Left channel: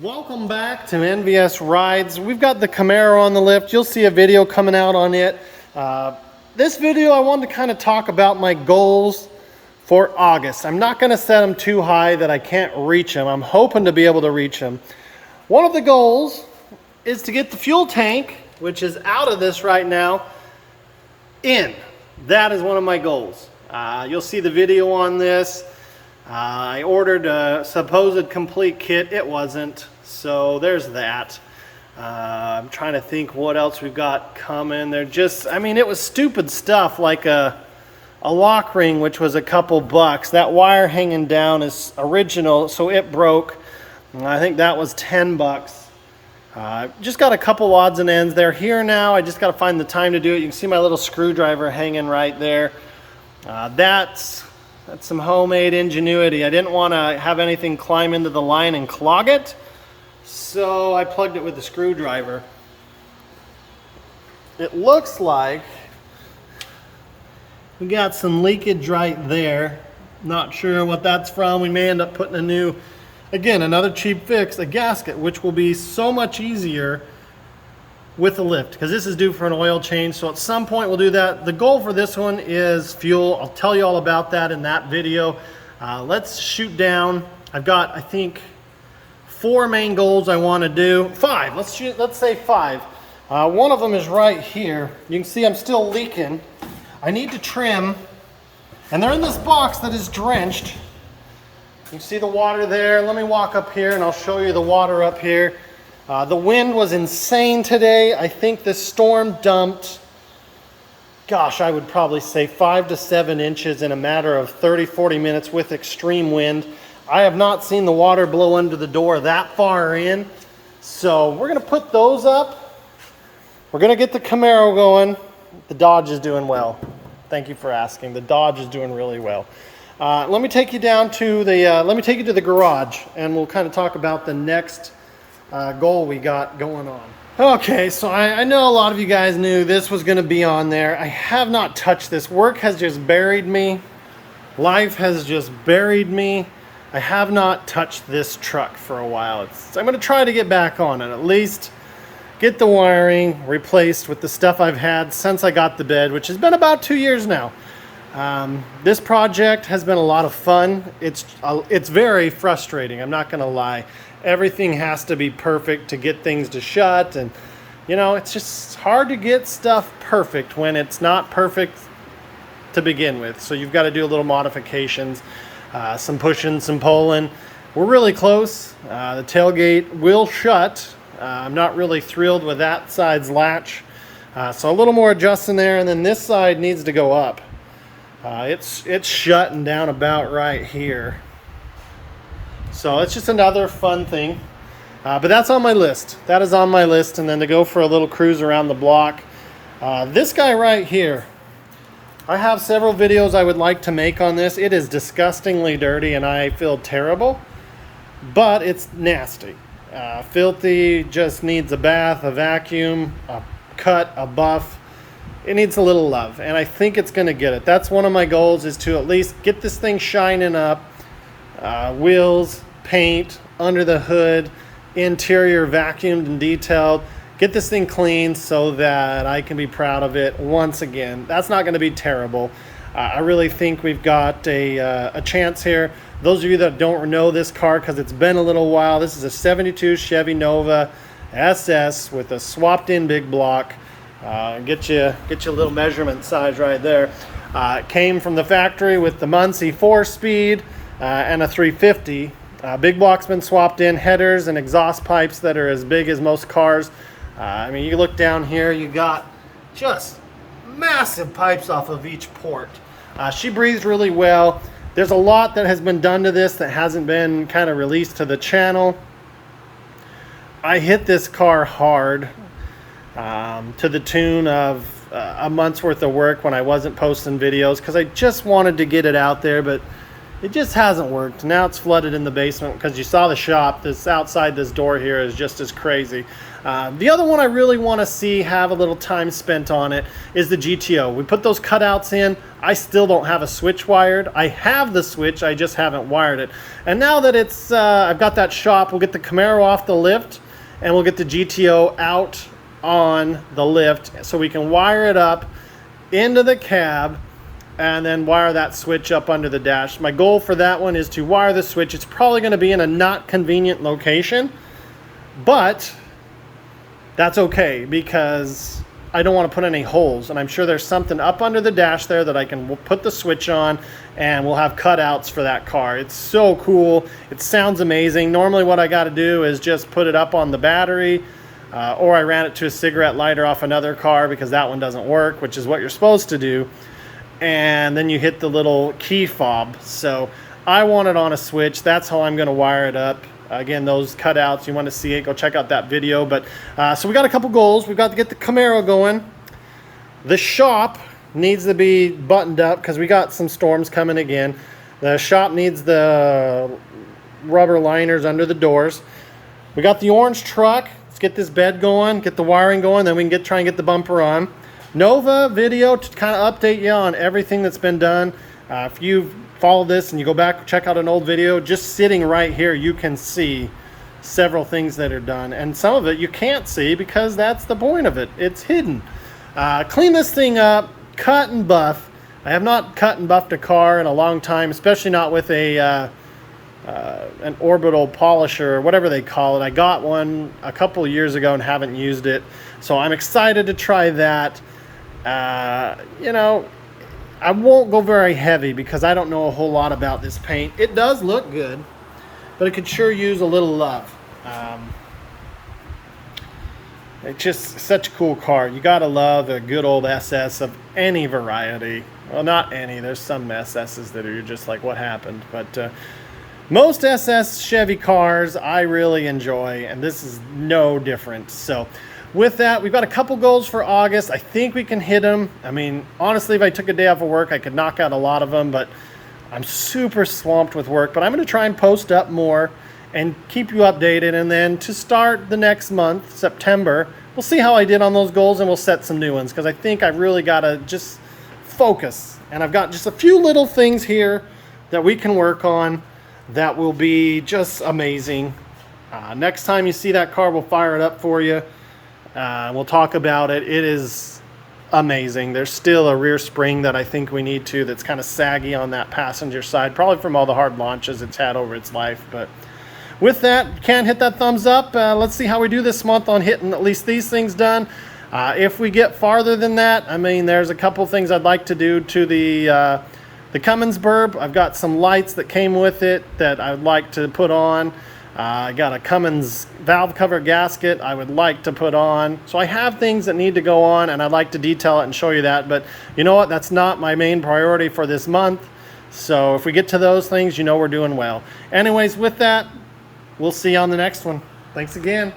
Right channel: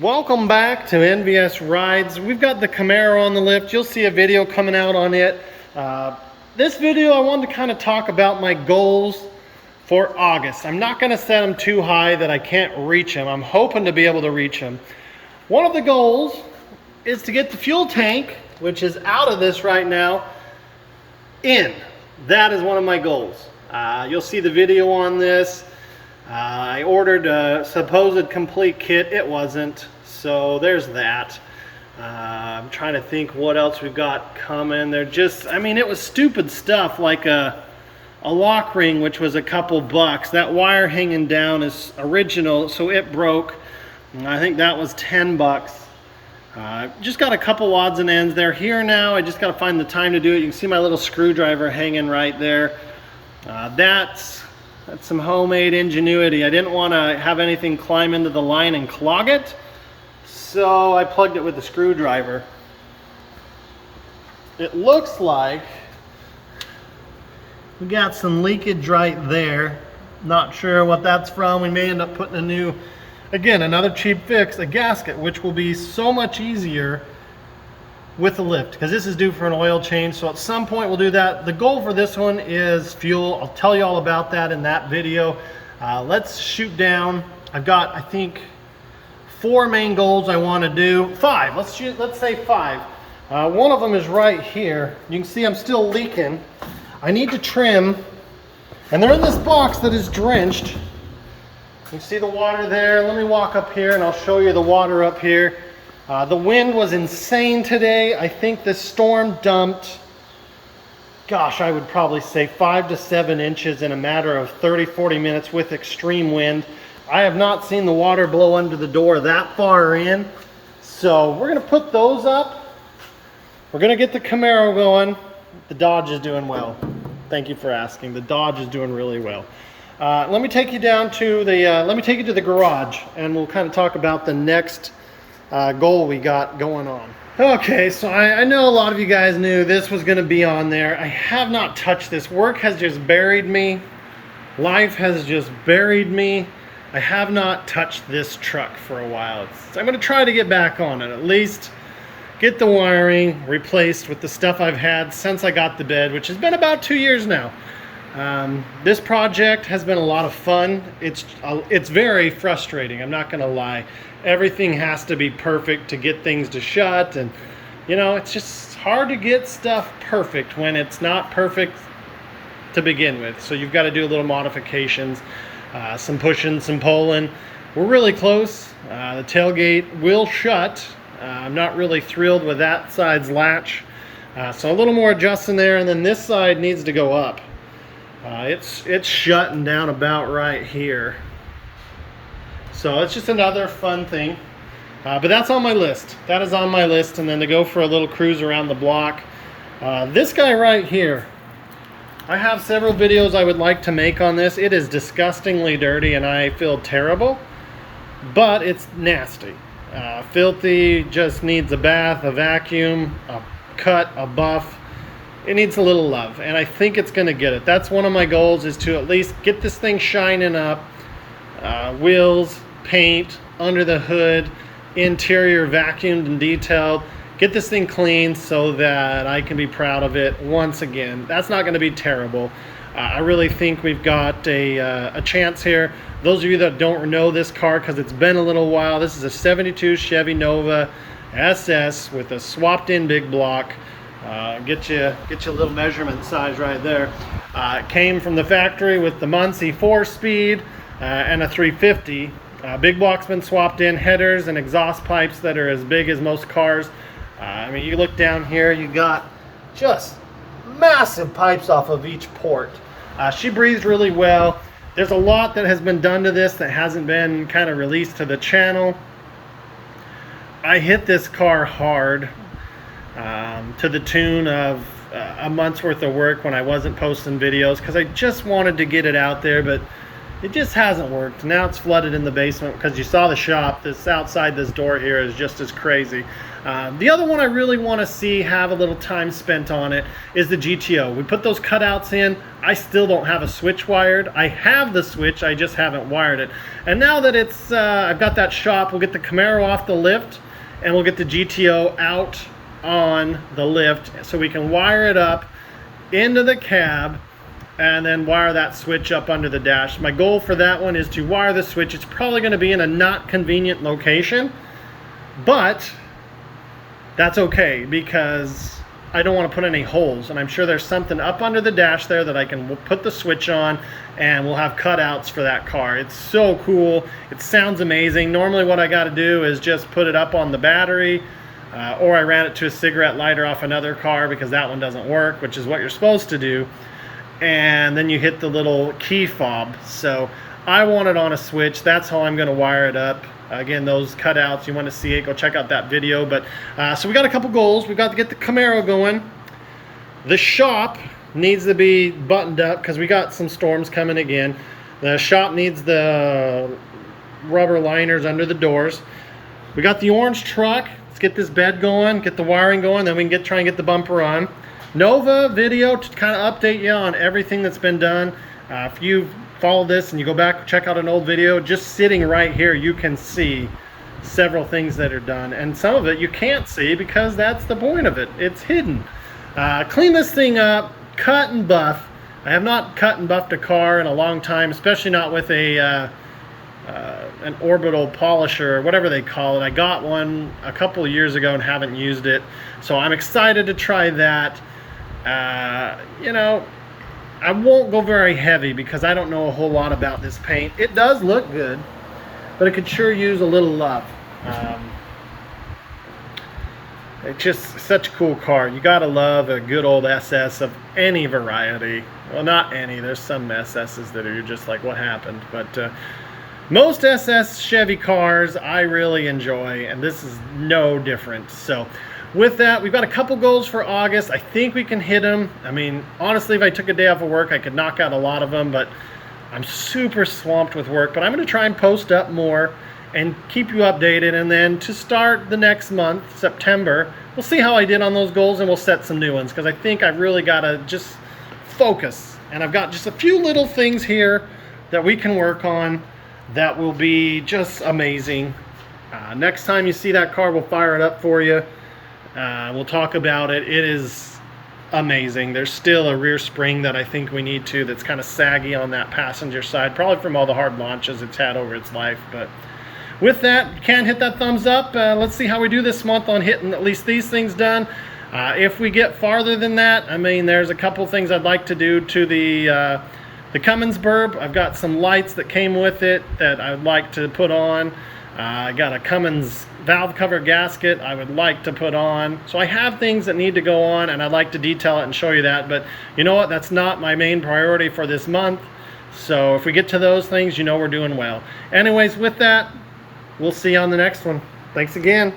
Welcome back to NVS Rides. We've got the Camaro on the lift. You'll see a video coming out on it. This video I wanted to kind of talk about my goals for August. I'm not going to set them too high that I can't reach them. I'm hoping to be able to reach them. One of the goals is to get the fuel tank, which is out of this right now, in. That is one of my goals. You'll see the video on this. I ordered a supposed complete kit. It wasn't, so there's that. I'm trying to think what else we've got coming. They're just, I mean, it was stupid stuff like a lock ring, which was a couple bucks. That wire hanging down is original, so it broke. I think that was 10 bucks. Just got a couple odds and ends. They're here now. I just got to find the time to do it. You can see my little screwdriver hanging right there. That's some homemade ingenuity. I didn't want to have anything climb into the line and clog it, so I plugged it with the screwdriver. It looks like we got some leakage right there. Not sure what that's from. We may end up putting a new, again, another cheap fix, a gasket, which will be so much easier with the lift, because this is due for an oil change, so at some point we'll do that. The goal for this one is fuel. I'll tell you all about that in that video. Let's shoot down. I've got, I think, 4 main goals I want to do. 5, let's say 5. One of them is right here. You can see I'm still leaking. I need to trim, and they're in this box that is drenched. You can see the water there. Let me walk up here and I'll show you the water up here. The wind was insane today. I think the storm dumped, gosh, I would probably say 5 to 7 inches in a matter of 30-40 minutes with extreme wind. I have not seen the water blow under the door that far in. So we're going to put those up. We're going to get the Camaro going. The Dodge is doing well. Thank you for asking. The Dodge is doing really well. Let me take you down to the, let me take you to the garage, and we'll kind of talk about the next goal we got going on. Okay, so I know a lot of you guys knew this was going to be on there. I have not touched this. Work has just buried me. Life has just buried me. I have not touched this truck for a while. I'm going to try to get back on it, at least get the wiring replaced with the stuff I've had since I got the bed, which has been about 2 years now. This project has been a lot of fun. It's very frustrating, I'm not going to lie. Everything has to be perfect to get things to shut, and you know, it's just hard to get stuff perfect when it's not perfect to begin with. So you've got to do a little modifications, some pushing, some pulling. We're really close. The tailgate will shut. I'm not really thrilled with that side's latch, so a little more adjusting there, and then this side needs to go up. It's shutting down about right here. So it's just another fun thing, but that's on my list. That is on my list, and then to go for a little cruise around the block. This guy right here, I have several videos I would like to make on this. It is disgustingly dirty and I feel terrible, but it's nasty. Filthy, just needs a bath, a vacuum, a cut, a buff. It needs a little love, and I think it's going to get it. That's one of my goals, is to at least get this thing shining up. Wheels, paint, under the hood, interior vacuumed and detailed. Get this thing clean so that I can be proud of it once again. That's not going to be terrible. I really think we've got a chance here. Those of you that don't know this car, because it's been a little while, this is a 72 Chevy Nova SS with a swapped in big block. Get you a little measurement size right there. It came from the factory with the Muncie 4-speed and a 350. Big block's been swapped in, headers and exhaust pipes that are as big as most cars. I mean, you look down here, you got just massive pipes off of each port. She breathes really well. There's a lot that has been done to this that hasn't been kind of released to the channel. I hit this car hard, to the tune of a month's worth of work when I wasn't posting videos, because I just wanted to get it out there. But It just hasn't worked. Now it's flooded in the basement because you saw the shop. This outside this door here is just as crazy. The other one I really want to see have a little time spent on it is the GTO. We put those cutouts in. I still don't have a switch wired. I have the switch, I just haven't wired it. And now that it's I've got that shop, we'll get the Camaro off the lift and we'll get the GTO out on the lift so we can wire it up into the cab and then wire that switch up under the dash. My goal for that one is to wire the switch. It's probably going to be in a not convenient location, but that's okay because I don't want to put any holes, and I'm sure there's something up under the dash there that I can put the switch on, and we'll have cutouts for that car. It's so cool. It sounds amazing. Normally what I got to do is just put it up on the battery, or I ran it to a cigarette lighter off another car because that one doesn't work, which is what you're supposed to do. And then you hit the little key fob. So I want it on a switch. That's how I'm going to wire it up. Again, those cutouts, you want to see it, go check out that video. But so we got a couple goals. We've got to get the Camaro going. The shop needs to be buttoned up because we got some storms coming again. The shop needs the rubber liners under the doors. We got the orange truck. Let's get this bed going, get the wiring going, then we can try and get the bumper on. Nova video to kind of update you on everything that's been done. If you follow this and you go back, check out an old video, just sitting right here, you can see several things that are done. And some of it you can't see because that's the point of it. It's hidden. Clean this thing up, cut and buff. I have not cut and buffed a car in a long time, especially not with a an orbital polisher or whatever they call it. I got one a couple of years ago and haven't used it. So I'm excited to try that. You know, I won't go very heavy because I don't know a whole lot about this paint. It does look good, but it could sure use a little love. It's just such a cool car. You gotta love a good old SS of any variety. Well, not any. There's some SS's that are just like, what happened? But most SS Chevy cars I really enjoy, and this is no different. So with that, we've got a couple goals for August. I think we can hit them. I mean, honestly, if I took a day off of work, I could knock out a lot of them, but I'm super swamped with work. But I'm going to try and post up more and keep you updated. And then to start the next month, September, we'll see how I did on those goals and we'll set some new ones because I think I've really got to just focus. And I've got just a few little things here that we can work on that will be just amazing. Next time you see that car, we'll fire it up for you. We'll talk about it. It is amazing. There's still a rear spring that I think we need to, that's kind of saggy on that passenger side, probably from all the hard launches it's had over its life. But with that, you can hit that thumbs up. Let's see how we do this month on hitting at least these things done. If we get farther than that, I mean, there's a couple things I'd like to do to the Cummins burb. I've got some lights that came with it that I'd like to put on. I got a Cummins valve cover gasket I would like to put on. So I have things that need to go on, and I'd like to detail it and show you that. But you know what? That's not my main priority for this month. So if we get to those things, you know we're doing well. Anyways, with that, we'll see you on the next one. Thanks again.